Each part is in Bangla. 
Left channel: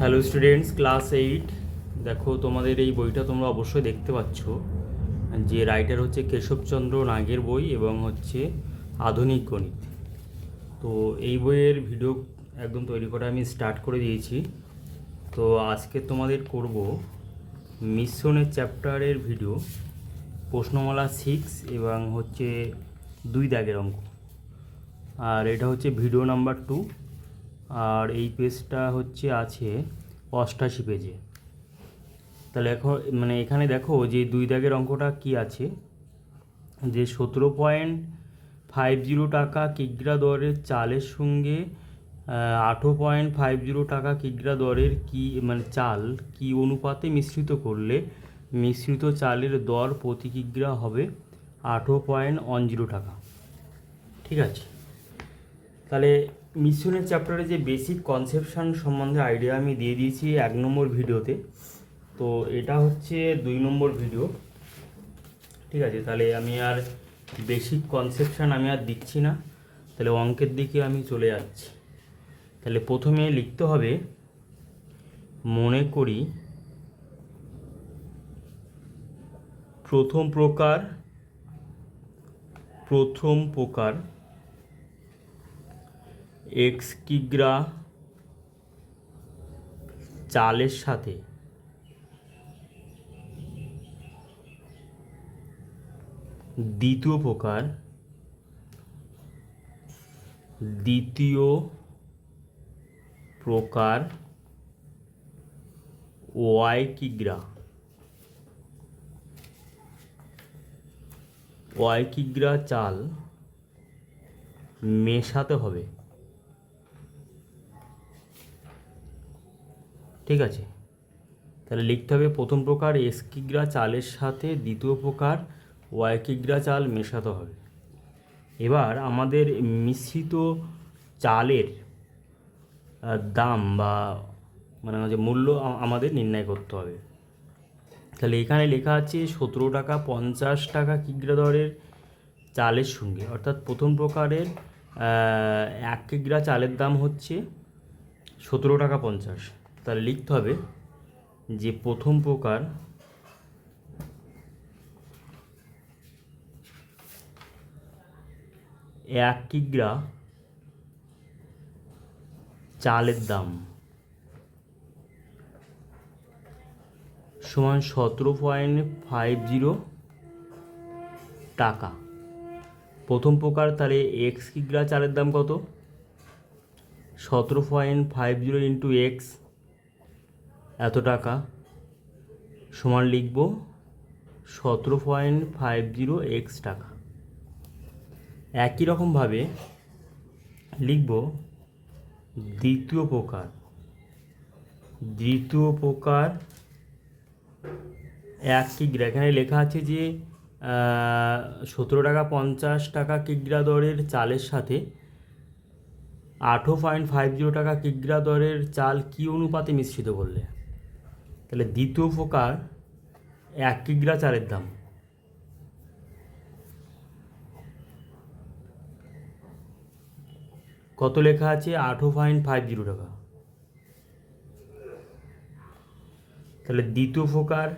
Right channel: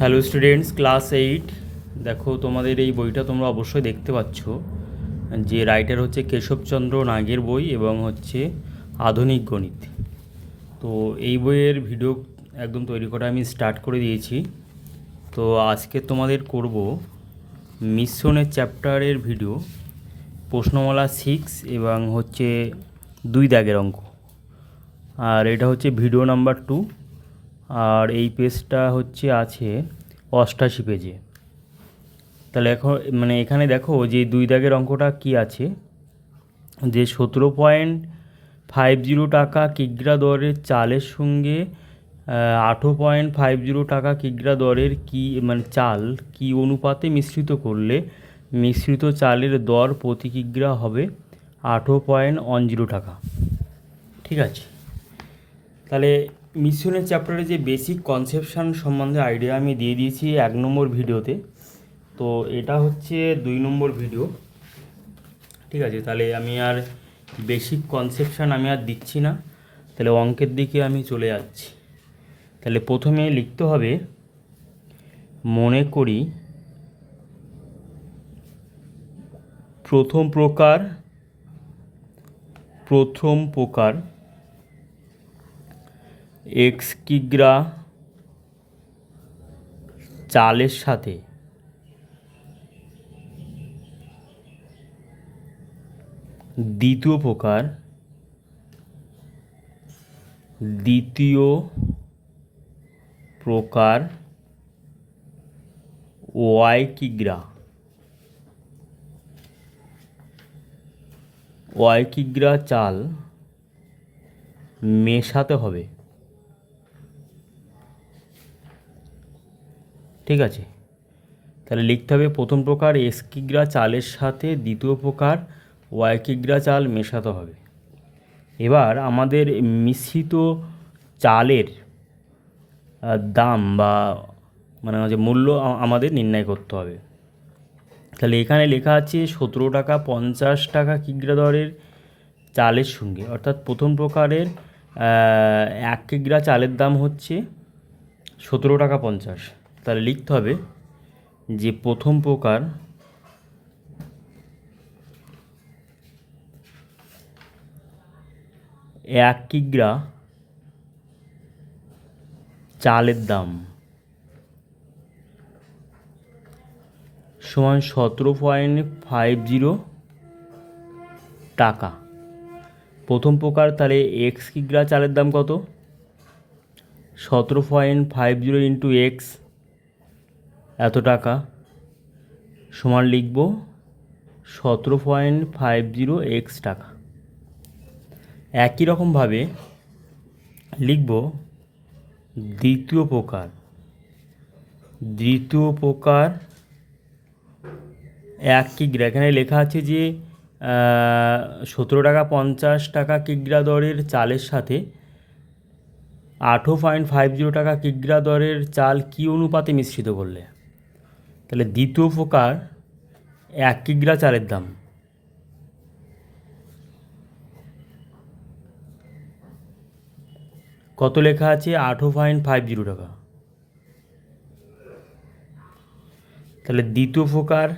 Hello students, class 8। দেখো, তোমাদের এই বইটা তোমরা অবশ্যই দেখতে পাচ্ছ যে রাইটার হচ্ছে কেশবচন্দ্র নাগের বই এবং হচ্ছে আধুনিক গণিত। তো এই বইয়ের ভিডিও একদম তৈরি করা আমি স্টার্ট করে দিয়েছি। তো আজকে তোমাদের করব মিশ্রণের চ্যাপ্টারের ভিডিও, প্রশ্নমালা 6 এবং হচ্ছে 2 দাগের অঙ্ক। আর এটা হচ্ছে ভিডিও নাম্বার 2। আর এই পেজটা হচ্ছে আছে 88 পেজে। তাহলে এখন এখানে দেখো যে 2 দাগের অঙ্কটা কি আছে, যে 17.50 টাকা কিগ্রা দরের চালের সঙ্গে 18.50 টাকা কিগ্রা দরের চাল কি অনুপাতে মিশ্রিত করলে মিশ্রিত চালের দর প্রতি কিগ্রা হবে 18.10 টাকা। ঠিক আছে, তাহলে মিশ্রণের চ্যাপ্টারে যে বেসিক কনসেপশন সম্বন্ধে আইডিয়া আমি দিয়ে দিয়েছি 1 নম্বর ভিডিওতে। তো এটা হচ্ছে 2 নম্বর ভিডিও। ঠিক আছে, তাহলে আমি আর বেসিক কনসেপশন আমি আর দিচ্ছি না, তাহলে অঙ্কের দিকে আমি চলে যাচ্ছি। তাহলে প্রথমে লিখতে হবে, মনে করি প্রথম প্রকার এক্স কিগ্রা চালের সাথে দ্বিতীয় প্রকার ওয়াই কিগ্রা চাল মেশাতে হবে। ঠিক আছে, তাহলে লিখতে হবে প্রথম প্রকার এক্স কিগ্রা চালের সাথে দ্বিতীয় প্রকার ওয়াই কিগ্রা চাল মেশাতে হবে। এবার আমাদের মিশ্রিত চালের দাম বা যে মূল্য আমাদের নির্ণয় করতে হবে। তাহলে এখানে লেখা আছে 17 টাকা 50 টাকা কিগ্রা দরের চালের সঙ্গে, অর্থাৎ প্রথম প্রকারের 1 কিগ্রা চালের দাম হচ্ছে 17 টাকা 50। তাহলে লিখতে হবে যে প্রথম প্রকার এক কিগ্রা চালের দাম সমান 17.50 টাকা। প্রথম প্রকার, তাহলে এক্স কিগ্রা চালের দাম কত? 17.50 ইন্টু এক্স, এত টাকা, সমান লিখব 17.50 এক্স টাকা। একই রকমভাবে লিখব দ্বিতীয় প্রকার এক কিগ্রা। এখানে লেখা আছে যে 17 টাকা 50 টাকা কিগ্রা দরের চালের সাথে 18.50 টাকা কিগ্রা দরের চাল কি অনুপাতে মিশ্রিত করলে। তাহলে দ্বিতীয় প্রকার 1 কিগ্রা চালের দাম কত লেখা আছে? 18.50 টাকা। তাহলে দ্বিতীয় প্রকার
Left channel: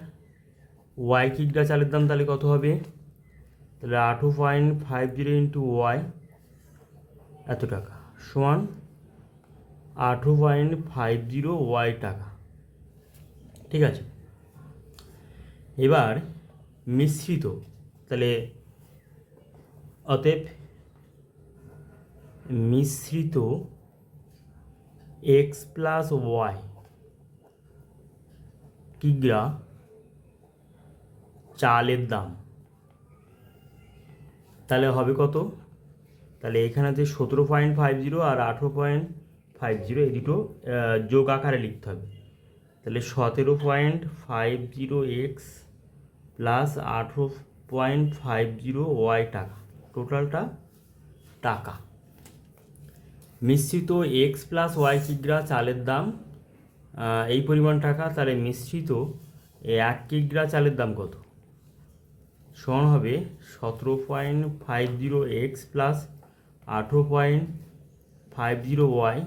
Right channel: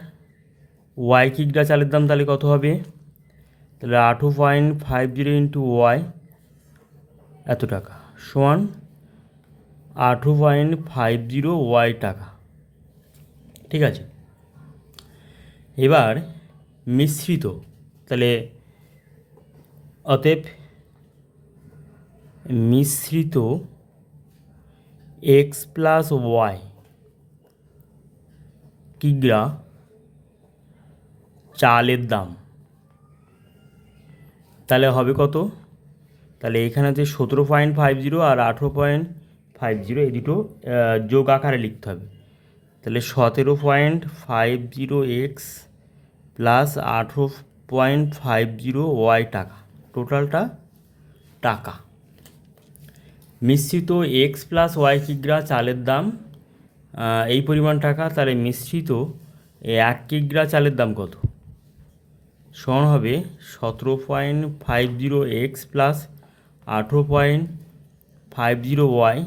ওয়াই কিগ্রা চালের দাম তাহলে কত হবে? তাহলে 18.50 ইন্টু ওয়াই, এত টাকা, সমান 18.50 ওয়াই টাকা। ঠিক আছে, এবার মিশ্রিত, তাহলে অতএব মিশ্রিত এক্স প্লাস ওয়াই কিগ্রা চালের দাম তাহলে হবে কত? তাহলে এখানে যে 17.50 আর 18.50 এই দুটো যোগ আকারে লিখতে হবে। তাহলে 17.50 এক্স প্লাস 18.50 ওয়াই টাকা, টোটালটা টাকা। মিশ্রিত এক্স প্লাস ওয়াই কিগ্রা চালের দাম এই পরিমাণ টাকা। তাহলে মিশ্রিত 1 কিগ্রা চালের দাম কত? সমান হবে 17.50 x plus 18.50 y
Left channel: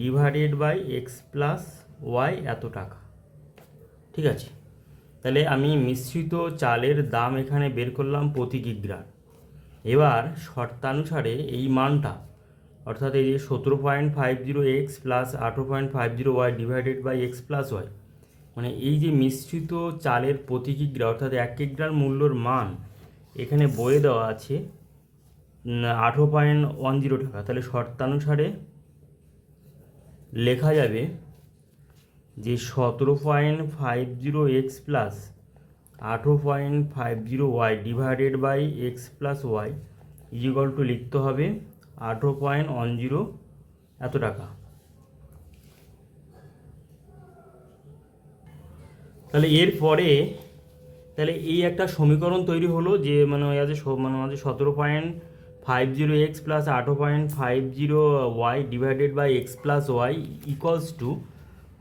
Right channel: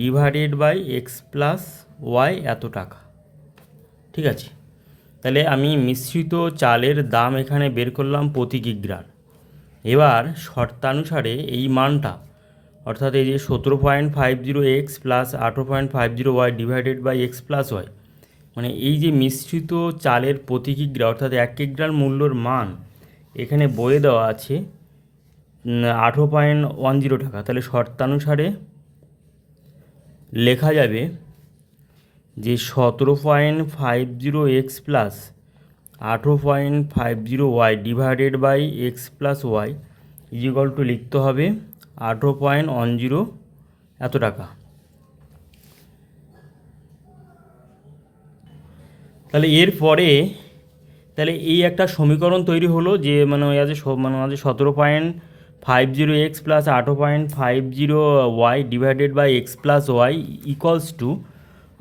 divided by x plus y এত টাকা। ঠিক আছে, তাহলে আমি মিশ্রিত চালের দাম এখানে বের করলাম প্রতি কিগ্রার। এবার শর্তানুসারে এই মানটা, অর্থাৎ এই যে 17.50 plus 18.50 divided by x plus y, মানে এই যে মিশ্রিত চালের প্রতি কিগ্রা অর্থাৎ 1 কিগ্রার মূল্যর মান এখানে বয়ে দেওয়া আছে 18.10 টাকা। তাহলে শর্তানুসারে লেখা যাবে যে 17.50 plus 18.50 divided by x plus y equal to লিখতে হবে 18.10 এত টাকা। তাহলে এরপরে তাহলে এই একটা সমীকরণ তৈরি হলো যে মানে আছে 17.50 plus 18.50 divided by x plus y equals to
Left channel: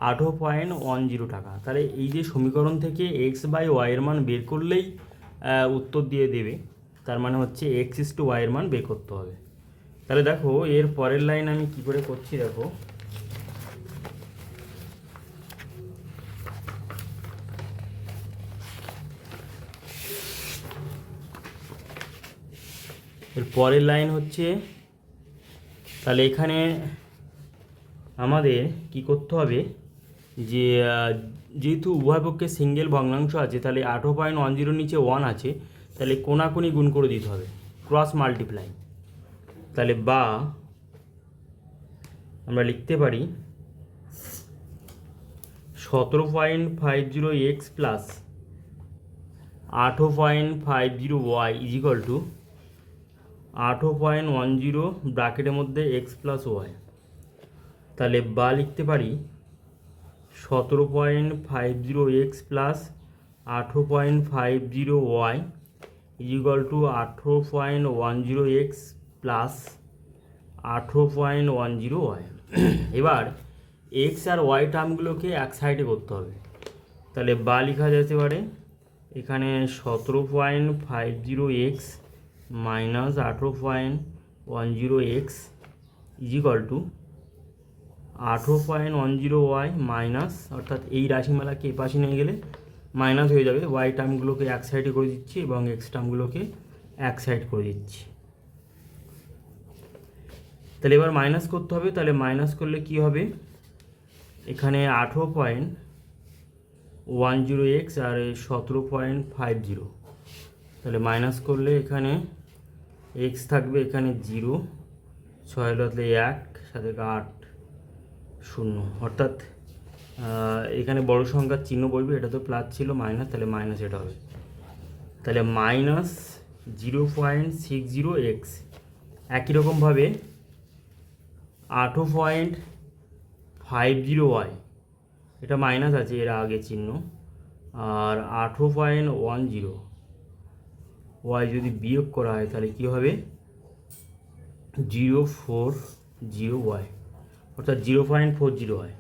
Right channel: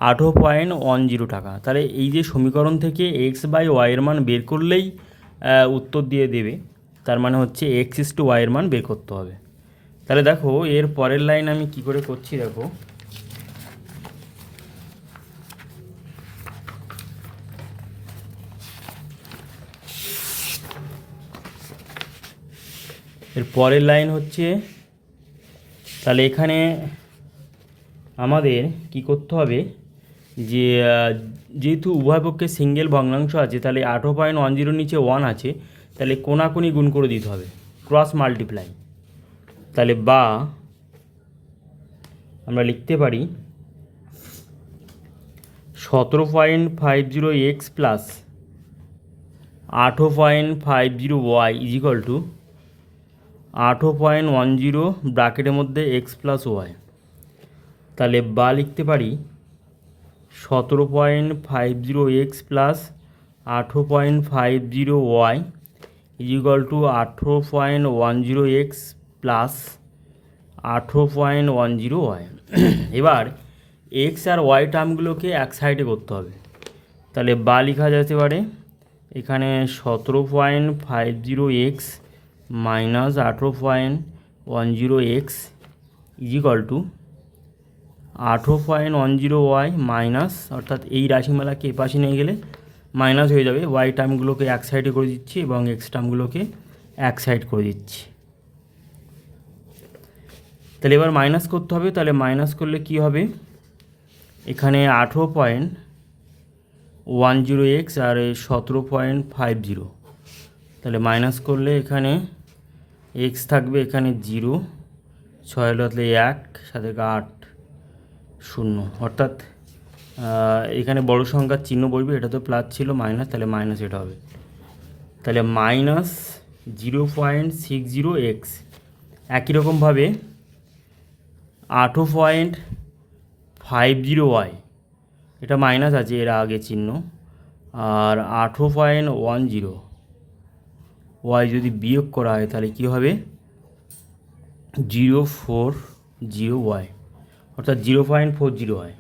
18.10 টাকা। তাহলে এই যে সমীকরণ থেকে এক্স বাই ওয়াইয়ের মান বের করলেই উত্তর দিয়ে দেবে, তার মানে হচ্ছে এক্স ইস টু ওয়াইয়ের মান বের করতে হবে। তাহলে দেখো এর পরের লাইন আমি কি করে করছি, দেখো এর পরের লাইন হচ্ছে, তাহলে এখানে আমাদের কি করতে হবে যে যেহেতু উভয় পক্ষে সিঙ্গেল ভগ্নাংশ আছে, তাহলে 18.10 নিচে 1 আছে, তাহলে কোনাকুনি গুণ করে দিতে হবে, ক্রস মাল্টিপ্লাই। তাহলে বা আমরা লিখতে পারি 17.50 প্লাস 18.50 ইজিক্যাল টু 18.10 ব্র্যাকেটের মধ্যে এক্স প্লাস ওয়াই। তাহলে বা লিখতে পারি 17.50 প্লাস 18.50 ইজিক্যাল টু 18.10 প্লাস 18.10 এবার এক্স আর ওয়াই টার্মগুলোকে এক সাইডে করতে হবে। তাহলে বা লেখা যেতে পারে এখানে 17.50 মাইনাস 18.10 ইজিক্যাল টু 18.10 মাইনাস, অর্থাৎ এই রাশিমালাকে এপাশে নিয়ে গেলে মাইনাস হয়ে যাবে, ওয়াই টার্মগুলোকে এক সাইডে করে দিচ্ছি এবং এক্স টার্মগুলোকে এক সাইড করে দিচ্ছি। তাহলে এবার মাইনাস করতে হবে, তাহলে মাইনাস করলে কি হবে, এখানে 18.10 আর 17.50, তাহলে মাইনাস করলে এখানে এক্স থাকবে, এখানে 0, 6 হলে 1, সাথে 8, 0, অর্থাৎ এখানে বড় সংখ্যার চিহ্ন বসবে, এটা তো প্লাস ছিল মাইনাস, তাহলে মাইনাস এটা হবে। তাহলে মাইনাস 0.60 একই রকমভাবে 18.50 এটা মাইনাস আছে এর আগে চিহ্ন, আর 18.10 যদি বিয়োগ করা হয় তাহলে কী হবে 0.40 অর্থাৎ 0.40 হয়,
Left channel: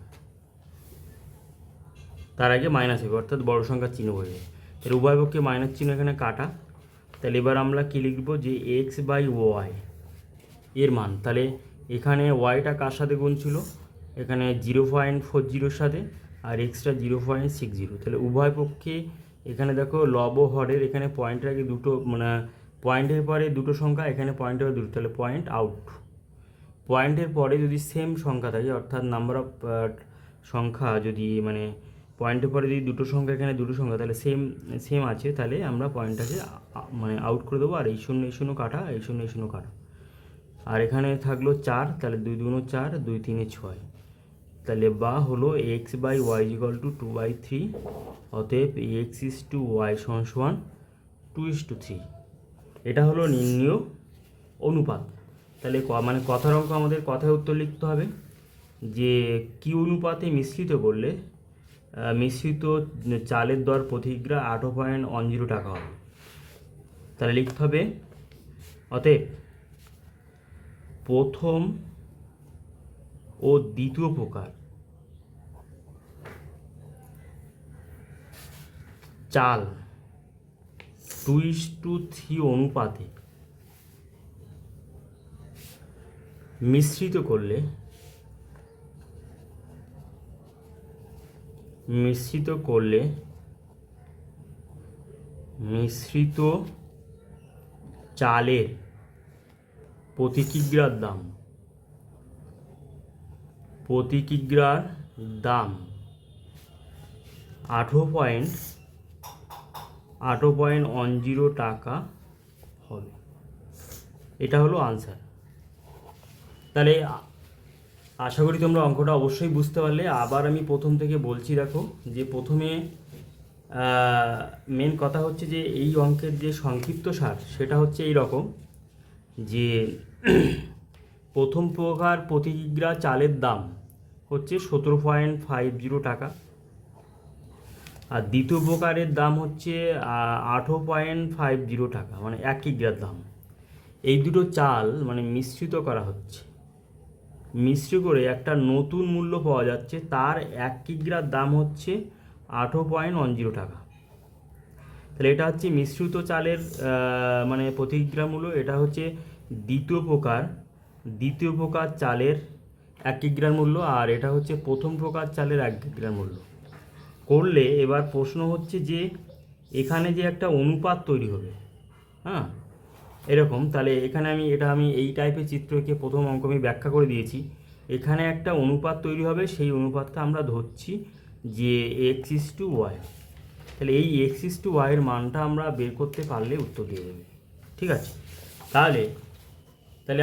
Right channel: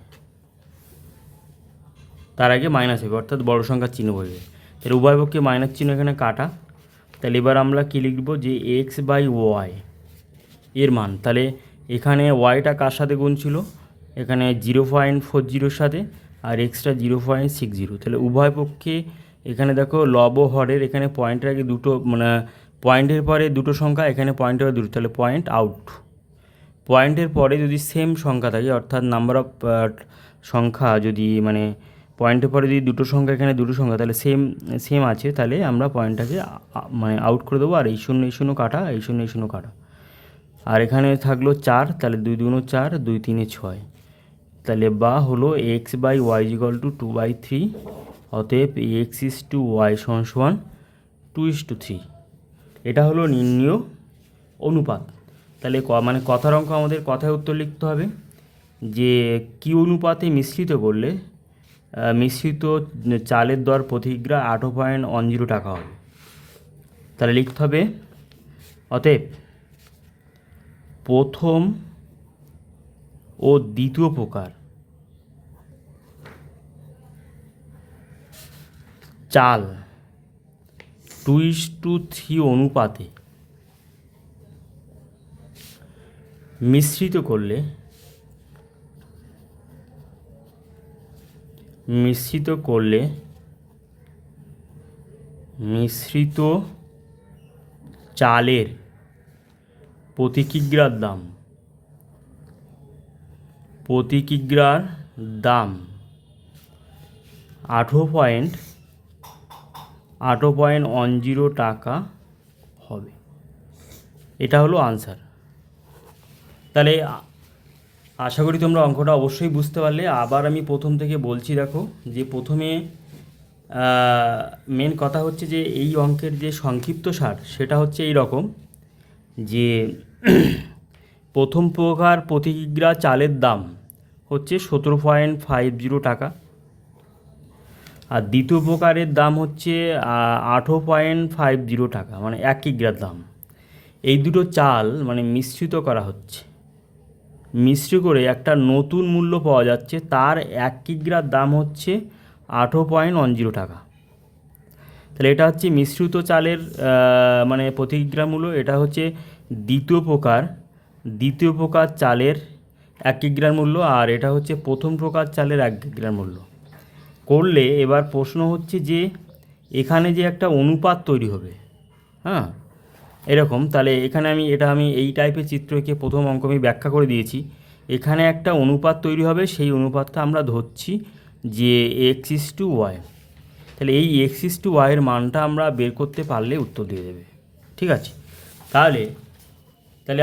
তার আগে মাইনাস হবে, অর্থাৎ বড় সংখ্যার চিহ্ন বসবে। তাহলে উভয় পক্ষে মাইনাস চিহ্ন এখানে কাটা। তাহলে এবার আমরা কী লিখব যে এক্স বাই ওয়াই এর মান, তাহলে এখানে ওয়াইটা কার সাথে গুণ ছিল, এখানে 0.40 সাথে, আর এক্সটা 0.60, তাহলে উভয় পক্ষে এখানে দেখো লব ও হরের এখানে পয়েন্টের আগে দুটো মানে পয়েন্টের পরে দুটো সংখ্যা, এখানে পয়েন্টের পরে দুটো, তাহলে পয়েন্ট আউট। পয়েন্টের পরে যদি সেম সংখ্যা থাকে, অর্থাৎ নাম্বার অফ সংখ্যা যদি মানে পয়েন্টের পরে যদি দুটো সংখ্যা এখানে দুটো সংখ্যা তাহলে সেম আছে, তাহলে আমরা পয়েন্টটাকে মানে আউট করে দেবো, আর এই শূন্য কাটা, এই শূন্য কাটা, আর এখানে থাকলো 4, তাহলে 2 2 4, 2 3 6, তাহলে বা হলো x by y equal to 2/3, অতএব এক্স ইস টু ওয়াই সমান 2:3। এটা হলো নির্ণীয় অনুপাত। তাহলে মানে কথার অঙ্ক আমাদের কথায় উত্তর লিখতে হবে যে কি অনুপাতে মিশ্রিত করলে মিশ্রিত চালের দর প্রতি কিগ্রা 18.10 টাকা হবে। তাহলে লিখতে হবে অতএব প্রথম ও দ্বিতীয় প্রকার চাল 2:3 অনুপাতে মিশ্রিত করলে মিশ্রিত করলে মিশ্রিত চালের প্রতি কিগ্রার দাম 18.10 টাকা হবে। এটা হলো আনসার। তাহলে আশা করি তোমরা অঙ্কটা অবশ্যই বুঝতে পারলে। আবার আমি প্রথম থেকে বলছি, দেখো যে প্রথমে মেন কথা হচ্ছে যে এই অঙ্কের যে সংক্ষিপ্ত সার সেটা হচ্ছে এই রকম যে প্রথম প্রকার প্রতি কিগ্রা চালের দাম হচ্ছে 17.50 টাকা, আর দ্বিতীয় প্রকারের দাম হচ্ছে 18.50 টাকা, মানে 1 কিগ্রার দাম। এই দুটো চাল মানে মিশ্রিত করা হচ্ছে, মিশ্র করে একটা নতুন মূল্য পাওয়া যাচ্ছে, তার 1 কিগ্রার দাম হচ্ছে 18.10 টাকা। তাহলে এটা হচ্ছে মিশ্রিত চালের মানে প্রতি কিগ্রা মূল্য। এটা হচ্ছে দ্বিতীয় প্রকার চালের 1 কিগ্রার মূল্য, আর এটা হচ্ছে প্রথম প্রকার চালের 1 কিগ্রার মূল্য। করলে এবার প্রশ্ন হচ্ছে যে এখানে যে একটা অনুপাত তৈরি হবে, হ্যাঁ এরকম। তাহলে এখানে আমি এই টাইপের চিত্র এঁকে প্রথম অঙ্ক আমি ব্যাখ্যা করে দিয়েছি। এখানে একটা অনুপাত তৈরি হবে, সেই অনুপাতটা আমরা ধরছি যে x:y। তাহলে এই x:y এর মানটা আমরা বের করতে পারলে উত্তর দিয়ে দেবে, ঠিক আছে। তাহলে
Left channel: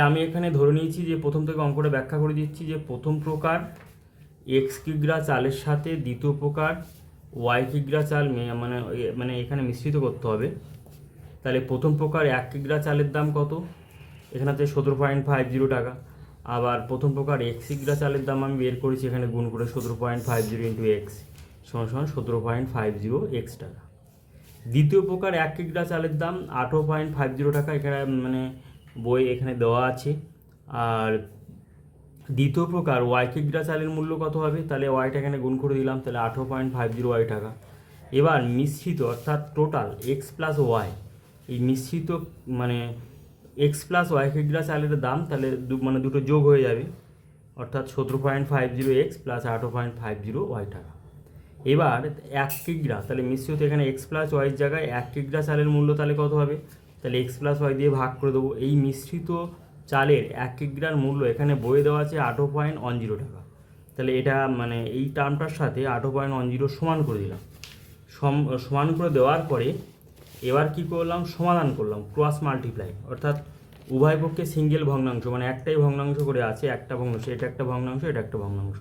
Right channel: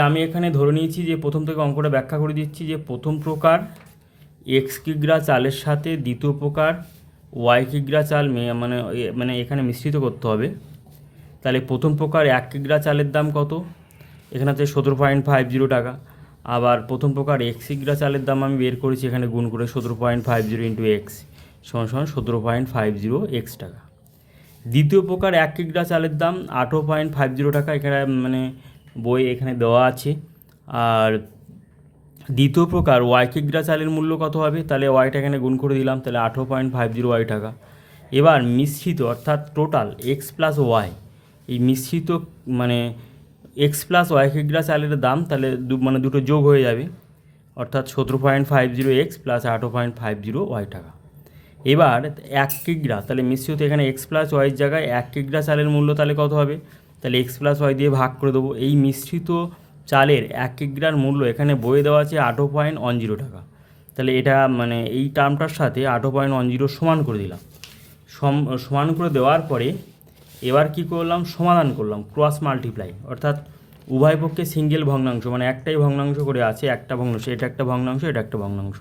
আমি এখানে ধরে নিয়েছি যে প্রথম থেকে অঙ্কটা ব্যাখ্যা করে দিচ্ছি যে প্রথম প্রকার x কিগ্রা চালের সাথে দ্বিতীয় প্রকার y কিগ্রা চাল মানে এখানে মিশ্রিত করতে হবে। তাহলে প্রথম প্রকার 1 কিগ্রা চালের দাম কত? এখানে হচ্ছে 17.50 টাকা। আবার প্রথম প্রকার x কিগ্রা চালের দাম আমি বের করেছি, এখানে গুণ করে 17.50 ইন্টু এক্স সমান 17.50 টাকা। দ্বিতীয় প্রকার 1 কিগ্রা চালের দাম 18.50 টাকা, এখানে মানে বই এখানে দেওয়া আছে। আর দ্বিতীয় প্রকার y কিগ্রা চালের মূল্য কত হবে? তাহলে ওয়াইটা এখানে গুণ করে দিলাম, তাহলে 18.50 টাকা। এবার মিশ্রিত অর্থাৎ টোটাল x প্লাস ওয়াই, এই মিশ্রিত মানে x প্লাস ওয়াই কিগ্রা চালের দাম, তাহলে দুটো যোগ হয়ে যাবে, অর্থাৎ 17.50 প্লাস 18.50 টাকা। এবার 1 কিগ্রা, তাহলে মিশ্রিত এখানে x প্লাস ওয়াইয়ের জায়গায় 1 কিগ্রা চালের মূল্য তাহলে কত হবে? তাহলে x প্লাস ওয়াই দিয়ে ভাগ করে দেবো। এই মিশ্রিত চালের 1 কিগ্রার মূল্য এখানে বইয়ে দেওয়া আছে 18.10 টাকা। তাহলে এটা মানে এই টার্মটার সাথে 18.10 সমান করে দিলাম। সমান করে দেওয়ার পরে এবার কি করলাম? সমাধান করলাম, ক্রস মাল্টিপ্লাই, অর্থাৎ উভয় পক্ষে সিঙ্গেল ভগ্নাংশ, মানে একটাই ভগ্নাংশ করে আছে, একটা ভগ্নাংশ, এটা একটা ভগ্নাংশ, এটা একটা ভগ্নাংশ।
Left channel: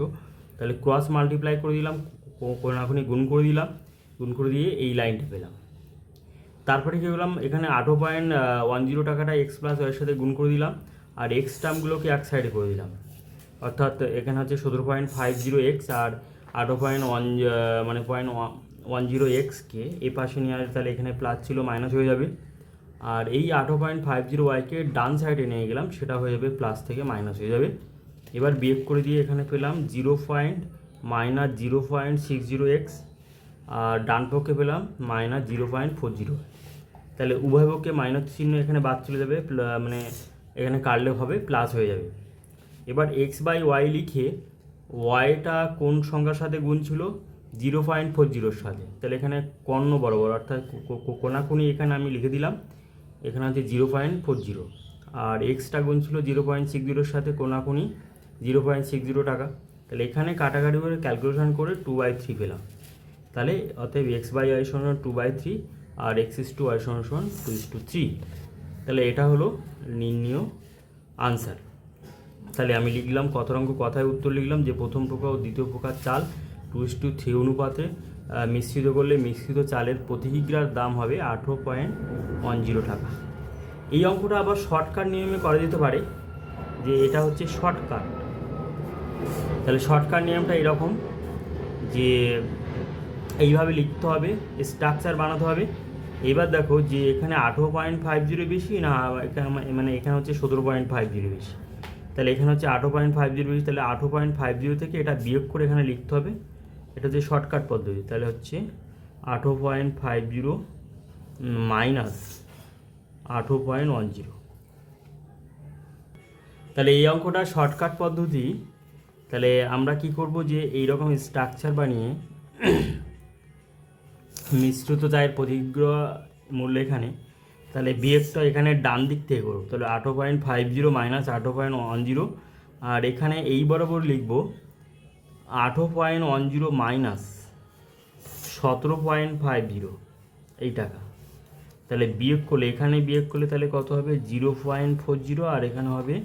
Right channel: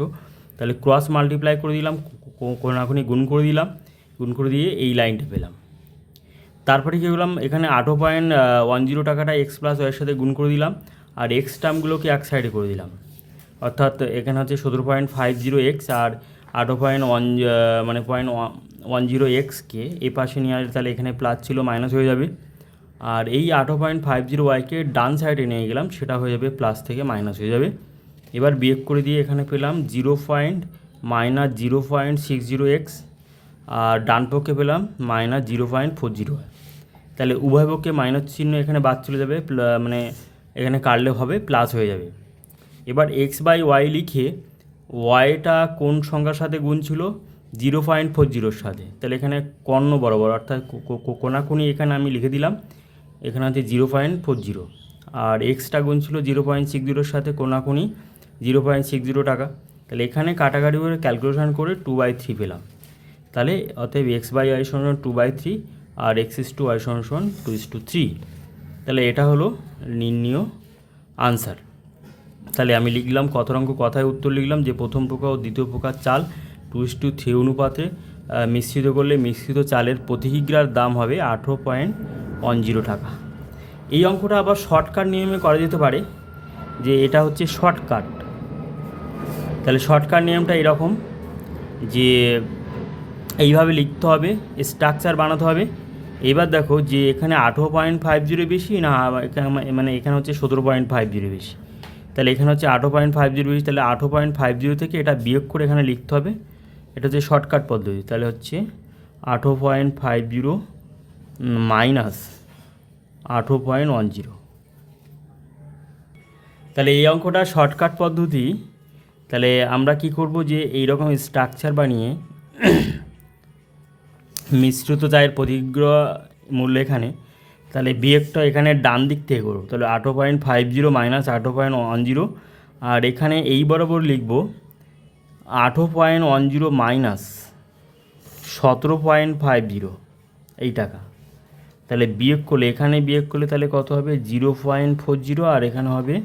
তাহলে ক্রস মাল্টিপ্লাই করে দিলাম, কোনাকুনি গুণ করে দিলাম, গুণ করে দিয়ে এই লাইনটা পেলাম। তারপরে কী করলাম? এখানে 18.10 টাকাটা x প্লাস ওয়াইয়ের সাথে গুণ করে দিলাম, আর এক্স টার্মগুলোকে এক সাইডে করে দিলাম, অর্থাৎ এখানে হচ্ছে 17.50 আর 0.10 এ পাশে নিয়ে আসলে তাহলে এখানে প্লাস ছিল মাইনাস হয়ে যাবে। আর এই 18.50 ডান সাইডে নিয়ে গেলাম, সেটা হয়ে যাবে প্লাস থেকে মাইনাস হয়ে যাবে। এবার বিয়োগ করে দিয়ে এখানে পেলাম -0.60 আর ডান পক্ষে পেলাম -0.40। তাহলে উভয় পক্ষে মাইনাস চিহ্ন এখানে বাদ চলে যাবে, মানে এখানে কাটলে হবে প্লাস হয়ে যাবে। এবার x/y লিখে ওয়াইটা কোন সংখ্যার সাথে গুণ ছিল? 0.40 সাথে। তাহলে এখানে কর্ণ বরাবর, অর্থাৎ কোনাকুনি এখানে আমি লিখে দিলাম, এখানে হচ্ছে 0.40, আর এক্সটা গুণ ছিল 0.60 সাথে, কোনাকুনি 0.60 টাকা। তাহলে এখানে কাটাকাটি করে ক্যালকুলেশন করে 2/3 পেলাম। তাহলে অতএব x/y সমান 2/3 আর x:y সমান 2:3। তাহলে এটা হলো নির্ণীয় আনসার। তাহলে আমি লিখলাম কত অঙ্ক কথায় উত্তর লিখলাম যে প্রথম প্রকার ও দ্বিতীয় প্রকার চাল 2:3 অনুপাতে মিশ্রিত করলে মিশ্রিত চালের প্রতি কিগ্রার দাম হবে 18.10 টাকা। এই অঙ্কটা আবার শর্টকাট নিয়মে করা যেতে পারে, যে এটা হচ্ছে শর্টকাট। তাহলে শর্টকাট নিয়মটা এরকম যে এইভাবে লিখতে হবে, স্ট্রাকচার বানাতে হবে। এবার দেখো যে এখানে 18.50 বেশি না, মানে এখানে হচ্ছে 17.50 বেশি। তাহলে এখানে হচ্ছে 18.50 বেশি, তাহলে 18.50 থেকে এটা বিয়োগ করে এখানে লিখতে হবে। এটা হচ্ছে শর্টকাট পদ্ধতি। তাহলে হচ্ছে 18.50 মাইনাস 18.10। তাহলে এই অঙ্কটা শর্টকাট পদ্ধতি। তাহলে আমরা কি করব যে এইরকম স্ট্রাকচার বানিয়ে মিশ্রিত চায়ের প্রতিগ্রহ মূল্য এখানে, তাহলে বিয়োগটা এখানে ডান দিক থেকে করবো, তাহলে 18.50 মাইনাস 18.10, আর এখানে এই বরাবর লিখব 18.10 মাইনাস 17.50 এই টাকা। তাহলে বিয়োগ করলে, এখানে বিয়োগ করলে তাহলে কত হবে 0.40, আর এখানে হবে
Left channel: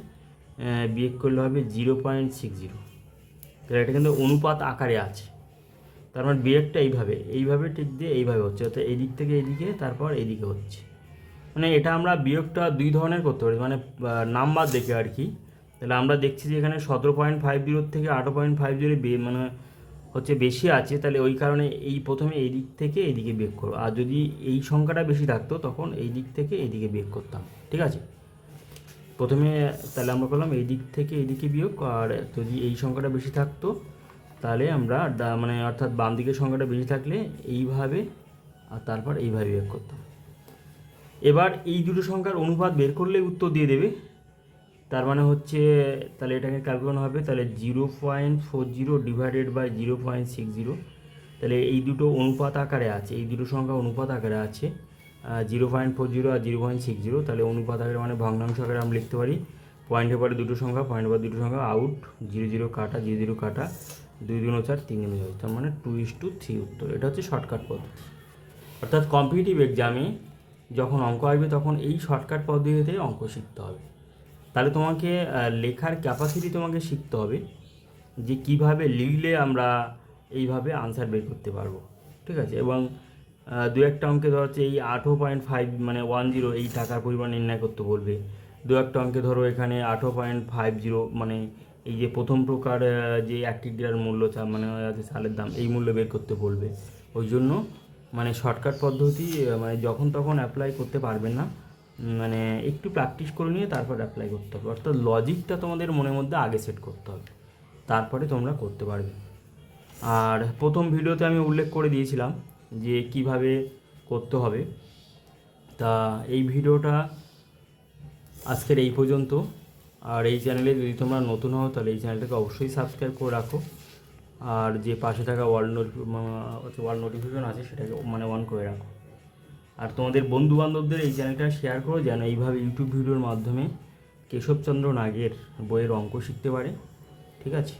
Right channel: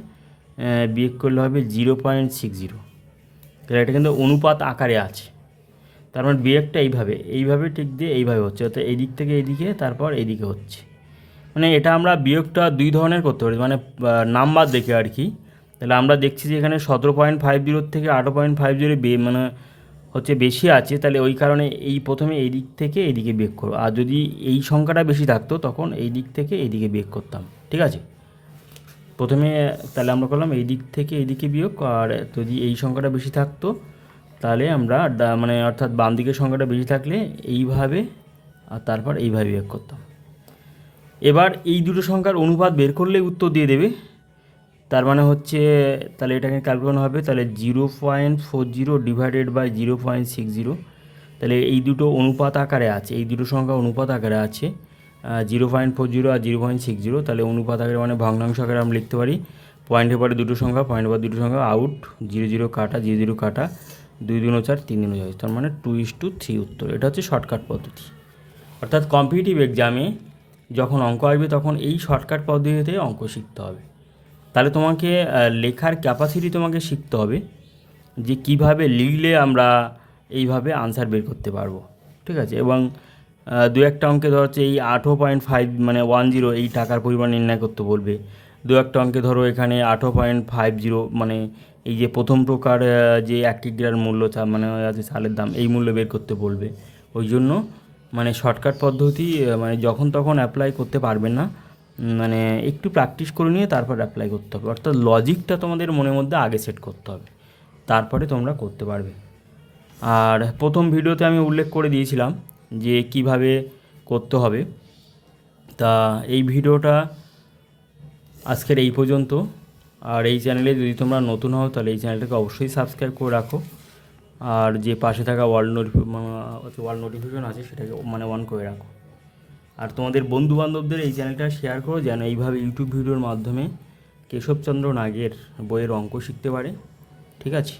বিয়োগ করলে হবে 0.60। তাহলে এটা কিন্তু অনুপাত আকারে আছে, তার মানে বিয়োগটা এইভাবে ঠিক দিয়ে এইভাবে হচ্ছে, অর্থাৎ এই দিক থেকে এইদিকে, তারপর এইদিকে হচ্ছে। মানে এটা আমরা বিয়োগটা দুই ধরনের করতে পারি, মানে নাম্বার দেখে আর কি। তাহলে আমরা দেখছি যে এখানে 17.50 থেকে 18.50 মানে হচ্ছে বেশি আছে, তাহলে ওই কারণে এই প্রথমে এই দিক থেকে এইদিকে বিয়োগ করো, আর যদি এই সংখ্যাটা বেশি থাকতো তখন এই দিক থেকে এইদিকে বিয়োগ করতাম, ঠিক আছে। প্রথমে তাহলে আমরা করলাম এই দিক থেকে এইদিকে বিয়োগ, আর যদি এই সংখ্যাটা বেশি থাকতো তাহলে আমরা মানে অর্থাৎ বাম দিকের সংখ্যাটা বেশি থাকলে এইভাবে, আর তারপর এইভাবে বিয়োগ করতাম। এবার এই দুটো সংখ্যার অনুপাত বের করলে উত্তর দিয়ে দেবে। তার মানে হচ্ছে তাহলে এটাকে ক্যালকুলেশন হবে, তাহলে 0.40 ডিভাইডেড বাই 0.60। তাহলে এই দুটো অনুপাত আকারে আছে, এই দুটো সংখ্যা অনুপাত আকারে আছে, 0.40 আর 0.60। তাহলে অনুপাত আকারে মানে ভগ্নাংশ আকারে আমরা লিখতে পারি, পয়েন্টের পরে দুটো সংখ্যা, পয়েন্টের পরে দুটো সংখ্যা, আউট 0 কাটা 0 কাটা, 2 2 4 3 3 6, তার মানে 2:3 উত্তর। এটা হচ্ছে শর্টকাট পদ্ধতি। অর্থাৎ কম্পিটিটিভ এক্সামে যখন অঙ্ক আসবে তখন এই শর্টকাট পদ্ধতিতে অঙ্ক শিখতে হবে। তাহলে তোমাকে লেখার ক্যাপাসিটি তোমাকে শিখতে হবে, যে কিভাবে লিখলে আমরা এইভাবে আনসার বের করতে পারবো, ঠিক আছে। এবং দু একটা অঙ্কে ধরো হচ্ছে এই 18.5 মানে 10 এই টাকার পরিমাণ নির্ণয় করতে বলবে। দু একটা অঙ্কে ধরো এখানে 18.50 মানে এই যে প্রথম প্রকার যে 1 কিগ্রার মূল্য মানে আছে চালের দাম, এই মূল্য বের করতে বলবে। ওই জন্য মানে শর্টকাট পদ্ধতি মানে যখন তখন অ্যাপ্লাই করতে পারবে না, মানে একটু প্র্যাকটিস করে নিয়ে তারপর অ্যাপ্লাই করতে হবে। অর্থাৎ লজিকটা তোমাদের মনের মধ্যে আগে সেট করতে হবে, তারপরে তোমরা করতে পারবে। আর প্রথম ভিডিওতে আমি উল্লেখ করে দিয়েছিলাম যে কিভাবে করতে হবে। তা এই ভিডিওটা আজকের এই পর্যন্ত। আর এই চ্যানেলে যদি তোমরা নতুন হও তাহলে এই চ্যানেলটাকে অবশ্যই সাবস্ক্রাইব করে রাখো, আর যে পাশে থাকা ওয়াল নোটিফিকেশন আছে সেটাকে মানে অন করে রাখো। আর তোমাদের বন্ধুবান্ধবদের এই চ্যানেলটা শেয়ার করো, যেন এইভাবে ইউটিউব ভিডিওর মাধ্যমে কেশবচন্দ্র নাগের বইয়ের অঙ্ক শিখতে পারে, ঠিক আছে।